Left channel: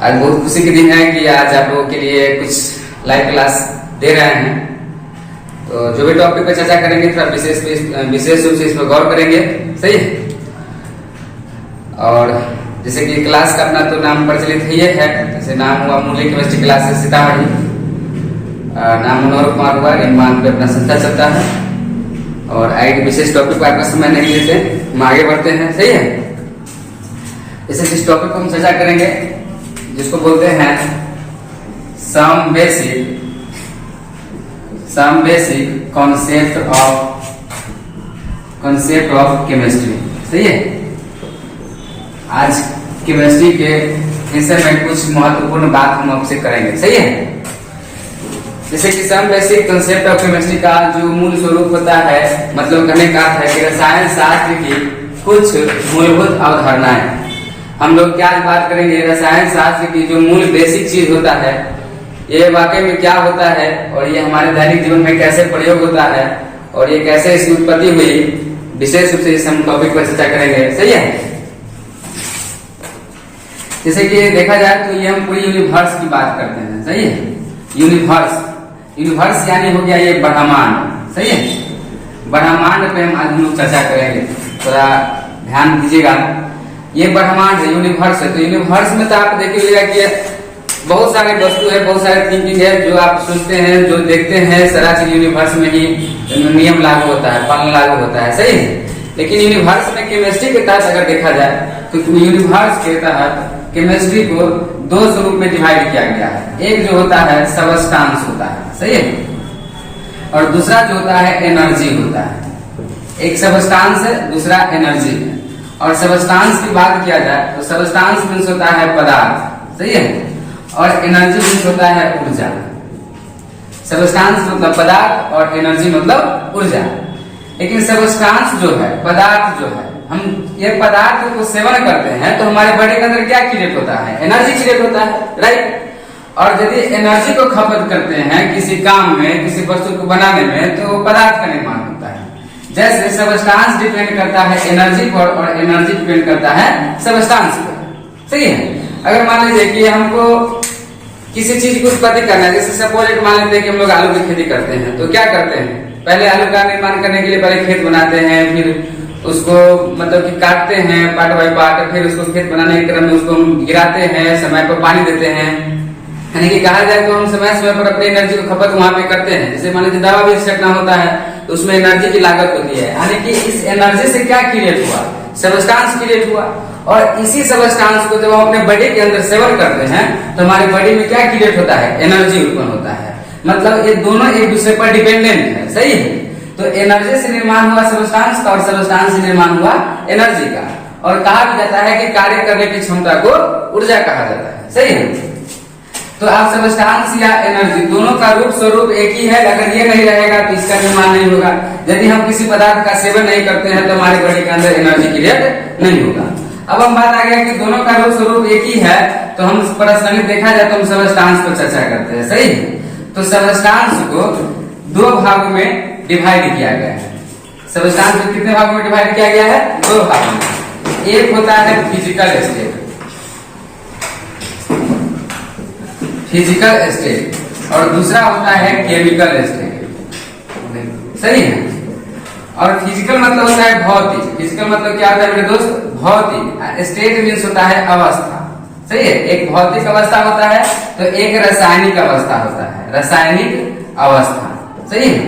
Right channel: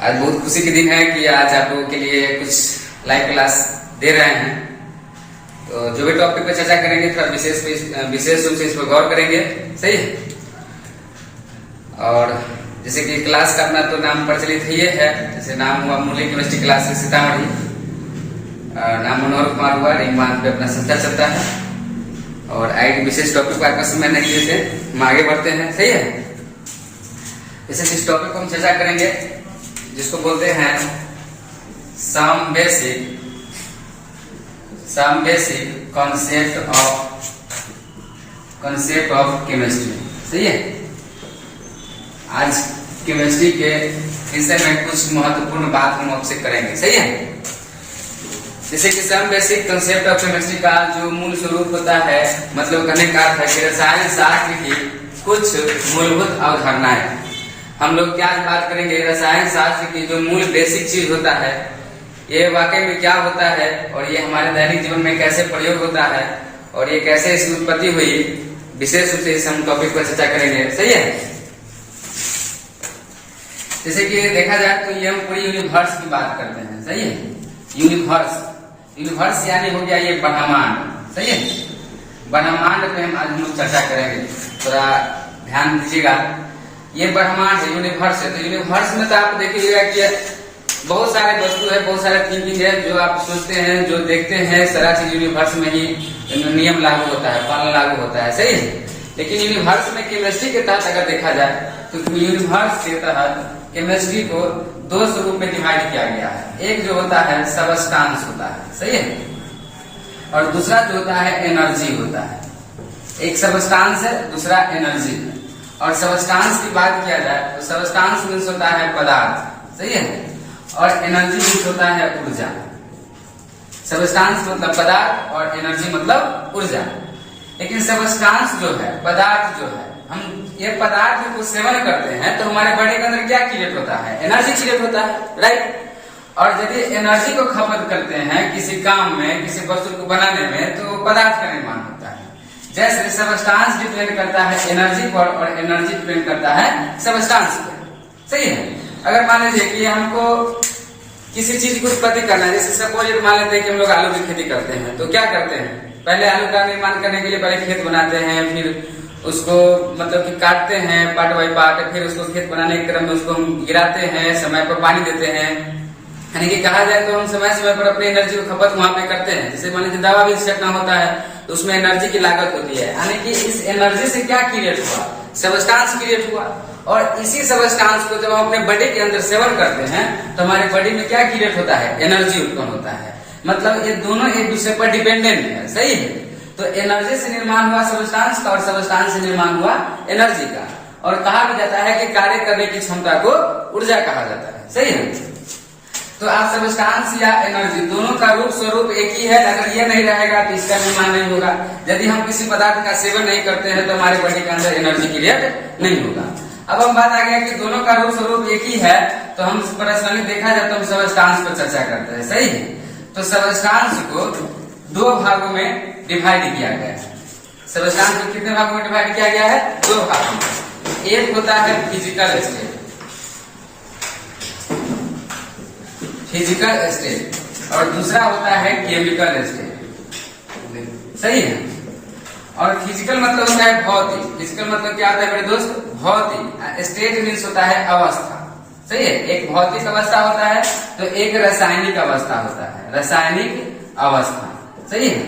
आज बहुत खुशी के दिन है कि आज आप लोगों के लिए कुछ लाइव क्लास दे रहे हैं। तो जो भी टॉपिक पर चर्चा करेंगे थोड़ा विशेष रूप से इस पर गौर करेंगे, सही है। और जैसे कि क्लास का अपना तो नाम प्रचलित ही है, जैसे नाम हुआ मुरली केमिस्ट्री क्लास सीतामढ़ी, नाम मनोहर कुमार हुआ, रिंगमान पे अपना संस्था चलता है। और आगे विशेष टॉपिक को आपका समय नहीं देते, हम आगे बढ़ते हैं, सही है। जैसे जिस टॉपिक को हम चर्चा करेंगे जिसको बोलते हैं some basic concept of chemistry, सही है। आज केमिस्ट्री के विषय में कुछ महत्वपूर्ण बात हम आपसे करेंगे, सही है। जैसे कि some basic concept of chemistry का जो मूल स्वरूप होता है, मतलब कहने का अर्थ है कि रसायन शास्त्र की कुछ मूलभूत अवधारणाएं। हम लोग क्या बात करेंगे, रसायन शास्त्र की जो मूल बेसिक चीज होता है, ये वाकई में क्या होता है और ये हमारे दैनिक जीवन में कैसे प्रयोग होता है और ये कैसे इसकी उत्पत्ति हुई, विशेष रूप से इस हम टॉपिक पर चर्चा करेंगे, सही है। जैसे कि देखा जाए तो ये हम पूरी यूनिवर्स की बात करते हैं, सही है। यूनिवर्स यानी हो गया ये ब्रह्मांड, सही है। ब्रह्मांड पे हम आज हम लोग चर्चा करेंगे, थोड़ा ध्यान दीजिएगा। ये ब्रह्मांड है, यूनिवर्स है। तो यूनिवर्स में तो आप देखिएगा कि बहुत सारे वस्तु है, बहुत सारे थिंकिंग है, जो आप सोचते हैं, जो देखते हैं, सारा चीज यूनिवर्स में ही नियम लागू होता है, पालन लागू होता है, सही है। लेकिन यूनिवर्स में केमिस्ट्री के तहत अगर देखा जाए तो यूनिवर्स के तहत केमिस्ट्री को दो स्वरूप में डिवाइड किया गया है। एक जो होता है सबस्टांस होता है, सही है, और दूसरा जो होता है एनर्जी होता है। एक सबस्टांस है, दूसरा एनर्जी है। और सबस्टांस की बात किया जाए तो सबस्टांस मीन्स होता है पदार्थ, सही है, और एनर्जी मीन्स होता है ऊर्जा। सबस्टांस मतलब पदार्थ और एनर्जी मतलब ऊर्जा। लेकिन सबस्टांस जो है, पदार्थ जो है, हम ये पदार्थ को सेवन करते हैं तो हमारे बॉडी के अंदर क्या क्रिएट होता है, एनर्जी क्रिएट होता है, राइट। और यदि एनर्जी को खपत करते हैं किसी काम में, किसी वस्तु को बनाने में, तो पदार्थ का निर्माण होता है। जैसे सबस्टांस डिपेंड करता है एनर्जी पर और एनर्जी डिपेंड करता है सबस्टांस पर, सही है। अगर मान लीजिए कि हमको किसी चीज की उत्पत्ति करना है, जैसे सपोज मान लेते हैं कि हम लोग आलू की खेती करते हैं, तो क्या करते हैं, पहले आलू का निर्माण करने के लिए पहले खेत बनाते हैं, फिर उसको मतलब कि काटते हैं पार्ट बाई पार्ट, फिर उसको खेत बनाने के क्रम में उसको गिराते हैं, समय पर पानी देते हैं। यानी कि कहा जाए तो हम समय समय पर अपनी एनर्जी को खपत वहां पे करते हैं। जैसे मान लीजिए दवा भी छिड़कना होता है तो उसमें एनर्जी की लागत होती है। यानी कि इस एनर्जी से क्या क्रिएट हुआ, सबस्टांस क्रिएट हुआ। और इसी सबस्टांस को जब हम अपने बॉडी के अंदर सेवन करते हैं तो हमारे बॉडी में क्या क्रिएट होता है, एनर्जी उत्पन्न होता है। मतलब ये दोनों एक दूसरे पर डिपेंडेंट है, सही है। तो एनर्जी से निर्माण हुआ सबस्टांस का और सबस्टांस से निर्माण हुआ एनर्जी का। और कहा भी जाता है कि कार्य करने की क्षमता को ऊर्जा कहा जाता है, सही है। तो आप सबस्टांस या एनर्जी दोनों का रूप स्वरूप एक ही है। अगर ये नहीं रहेगा तो इसका निर्माण नहीं होगा। यदि हम किसी पदार्थ का सेवन नहीं करते हैं तो हमारे बॉडी के अंदर एनर्जी क्रिएट नहीं होगा। अब हम बात आ गया कि दोनों का रूप स्वरूप एक ही है, तो हम पर्सनली देखा जाए तो हम सबस्टांस पर चर्चा करते हैं, सही है। तो सबस्टांस को दो भागों में डिवाइड किया गया है। सबस्टांस को कितने भागों में डिवाइड किया गया है, दो भागों में। एक होता है फिजिकल स्टेट और दूसरा होता है केमिकल स्टेट, सही है। और फिजिकल मतलब होता है भौतिक। फिजिकल मतलब क्या होता है मेरे दोस्त, भौतिक। स्टेट मीन्स होता है अवस्था, सही है। एक भौतिक अवस्था होता है तो एक रासायनिक अवस्था होता है, रासायनिक अवस्था, सही है।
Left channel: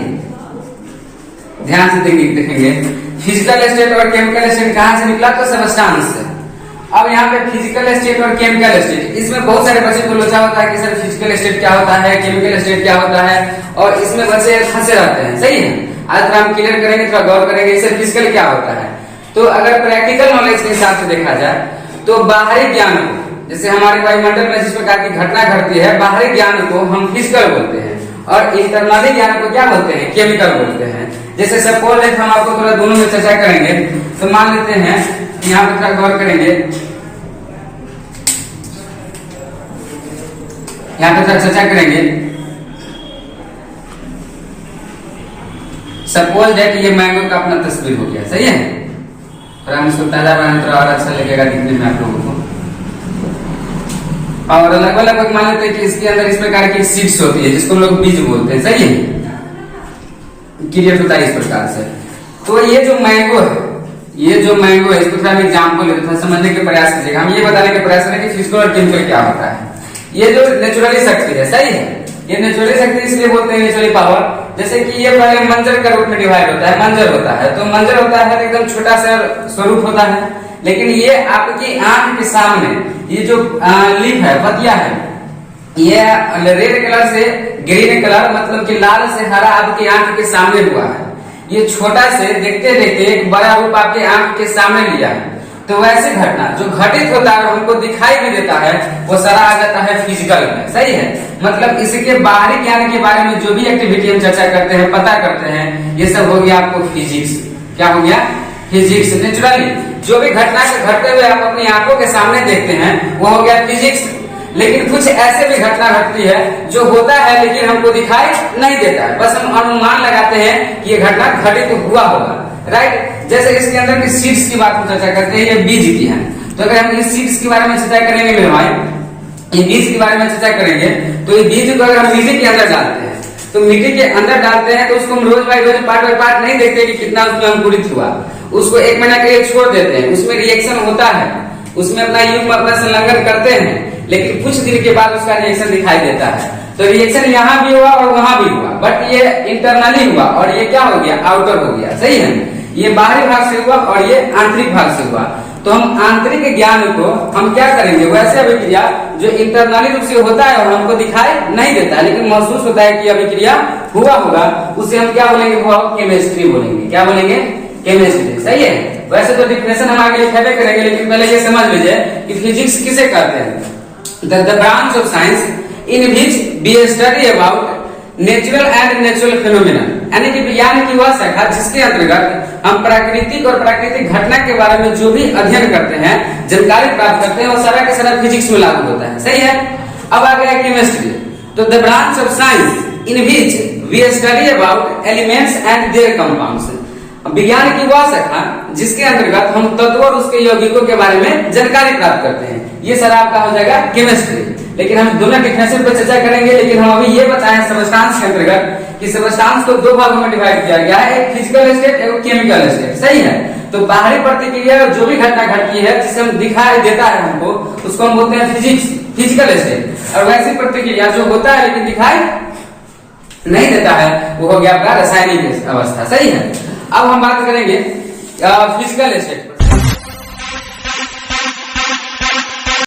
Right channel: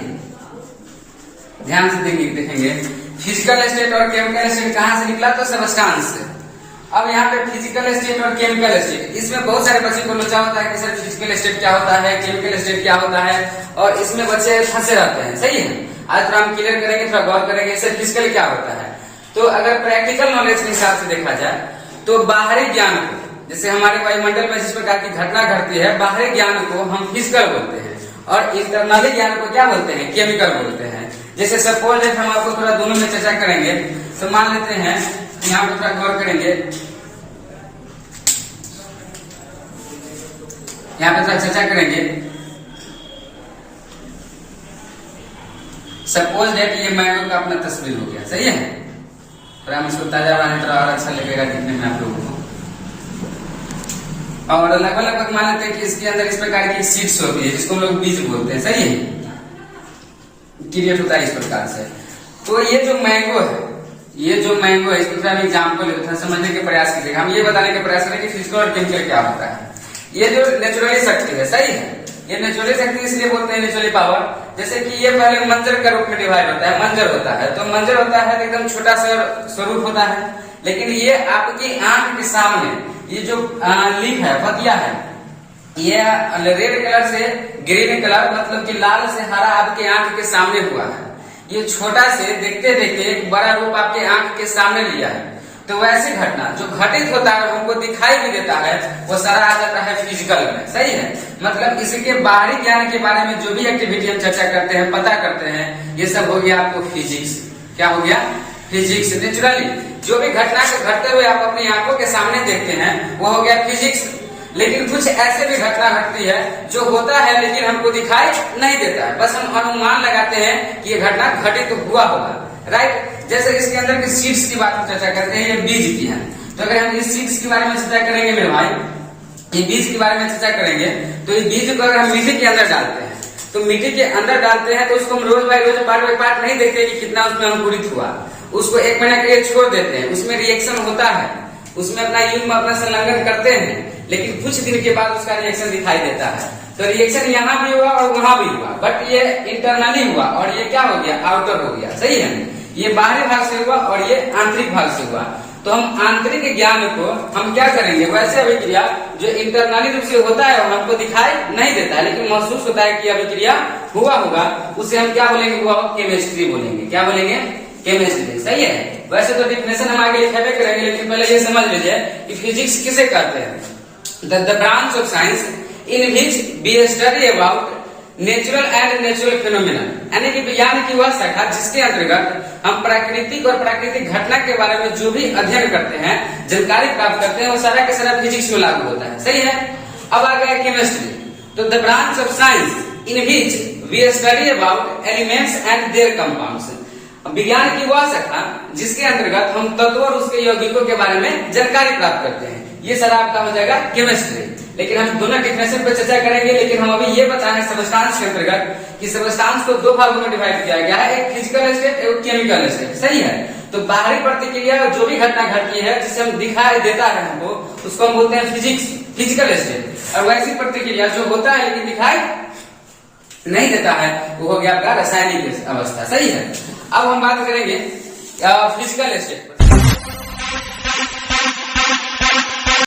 ध्यान से देखेंगे फिजिकल स्टेट और केमिकल स्टेट कहां से निकला, तो सबस्टांस से। अब यहाँ पे फिजिकल स्टेट और केमिकल स्टेट, इसमें बहुत सारे बच्चे को लोचा होता है कि सर फिजिकल स्टेट क्या होता है, केमिकल स्टेट क्या होता है, और इसमें बच्चे फंसे रहते हैं, सही है। आज थोड़ा हम क्लियर करेंगे, थोड़ा गौर करेंगे सर फिजिकल क्या होता है। तो अगर प्रैक्टिकल नॉलेज के हिसाब से देखा जाए तो बाहरी ज्ञान को, जैसे हमारे वायुमंडल में जिस प्रकार की घटना घटती है, बाहरी ज्ञान को हम फिजिकल बोलते हैं और इंटरनली ज्ञान को क्या बोलते हैं, केमिकल बोलते हैं। जैसे सपोज हम आपको थोड़ा दोनों में चर्चा करेंगे, तो मान लेते हैं यहाँ पे थोड़ा गौर करेंगे, यहाँ पे थोड़ा चर्चा करेंगे। सपोज दैट ये मैंगो का अपना तस्वीर हो गया, सही है। फिर हम इसको ताजा बनाने थोड़ा और अच्छा लगेगा दिखने में आप लोगों को। और लगभग लगभग मान लेते हैं कि इसके अंदर इस प्रकार की सीड्स होती है जिसको हम लोग बीज बोलते हैं, सही है, क्रिएट होता है इस प्रकार से। तो ये जो मैंगो है, इसको थोड़ा एग्जाम्पल है, थोड़ा समझने के प्रयास कीजिएगा। हम ये बताने के प्रयास करें कि फिजिकल और केमिकल क्या होता है। ये जो नेचुरली शक्ति है, सही है, ये नेचुरली शक्ति इसलिए बोलते हैं नेचुरली पावर, जैसे कि ये पहले मंजर का रूप में डिवाइड होता है, मंजर होता है, तो मंजर होता है एकदम छोटा सा स्वरूप होता है, लेकिन ये आपकी आंख के सामने ये जो लीफ है, पतिया है, ये रेड कलर से ग्रीन कलर मतलब कि लाल से हरा आपकी आंख के सामने हुआ है। ये छोटा से देखते देखते एक बड़ा रूप आपके आंख के सामने लिया है। तो वैसे घटना जो घटित होता है हमको दिखाई भी देता है, वो सारा आ जाता है फिजिकल में, सही है। मतलब इसके बाहरी ज्ञान के बारे में जो भी एक्टिविटी हम चर्चा करते हैं, पता करते हैं, ये सब हो गया आपको फिजिक्स। क्या हो गया? फिजिक्स। नेचुरली जो भी घटना को घटते हुए आप अपनी आंखों के सामने देखते हैं वो हो गया फिजिक्स। लेकिन कुछ ऐसे भी घटना घटती है जो होता है लेकिन हमको दिखाई नहीं देता है, बस हम अनुमान लगाते हैं कि ये घटना घटित तो हुआ होगा, राइट। जैसे इसके अंदर की सीड्स की बात हम चर्चा करते हैं, ये बीज की है। तो अगर हम इस सीड्स के बारे में चर्चा करेंगे मेरे भाई, ये बीज के बारे में चर्चा करेंगे, तो ये बीज को अगर हम मिट्टी के अंदर डालते हैं, तो मिट्टी के अंदर डालते हैं तो उसको हम रोज बाय रोज पार्ट बाय पार्ट नहीं देखते कि कितना उसमें अंकुरित हुआ। उसको 1 महीना के लिए छोड़ देते हैं, उसमें रिएक्शन होता है, उसमें अपना युग्म अपना संलग्न करते हैं, लेकिन कुछ दिन के बाद उसका रिएक्शन दिखाई देता है। तो रिएक्शन यहाँ भी हुआ और वहां भी हुआ, बट ये इंटरनली हुआ और ये क्या हो गया? आउटर हो गया, सही है। ये बाहरी भाग से हुआ और ये आंतरिक भाग से हुआ। तो हम आंतरिक ज्ञान को हम क्या करेंगे? वैसे अभिक्रिया जो इंटरनली रूप से होता है और हमको दिखाई नहीं देता है लेकिन महसूस होता है कि अभिक्रिया हुआ होगा, उसे हम क्या बोलेंगे? वो केमिस्ट्री बोलेंगे। क्या बोलेंगे? केमिस्ट्री, सही है। वैसे तो डिफिनेशन हम आगे लिखेबे करेंगे, लेकिन पहले ये समझ लीजिए कि फिजिक्स किसे कहते हैं। The branch of science in which we study about natural and natural phenomena, यानी कि विज्ञान की वह शाखा जिसके अंतर्गत हम प्राकृतिक और प्राकृतिक घटना के बारे में जो भी अध्ययन करते हैं, जानकारी प्राप्त करते हैं, वो सारा के सारा फिजिक्स में लागू होता है, सही है। अब आ गया केमिस्ट्री। तो the branch of science in which we study about elements and their compounds, विज्ञान की वह शाखा जिसके अंतर्गत हम तत्व और उसके यौगिकों के बारे में जानकारी प्राप्त करते हैं, ये सारा आपका हो जाएगा केमिस्ट्री। लेकिन हम दोनों डिफिनेशन पर चर्चा करेंगे, लेकिन हम अभी ये बताएं सबस्टांस के अंतर्गत कि सबस्टांस को 2 भागों में डिवाइड किया गया है, एक फिजिकल स्टेट, एक केमिकल स्टेट, सही है। तो बाहरी प्रतिक्रिया जो भी घटना घटती है जिसे हम दिखाई देता है हमको, उसको हम बोलते हैं फिजिकल स्टेट। और वैसी प्रतिक्रिया जो होता है लेकिन दिखाई नहीं देता है, वो हो गया आपका रासायनिक अवस्था, सही है। अब हम बात करेंगे फिजिकल स्टेट।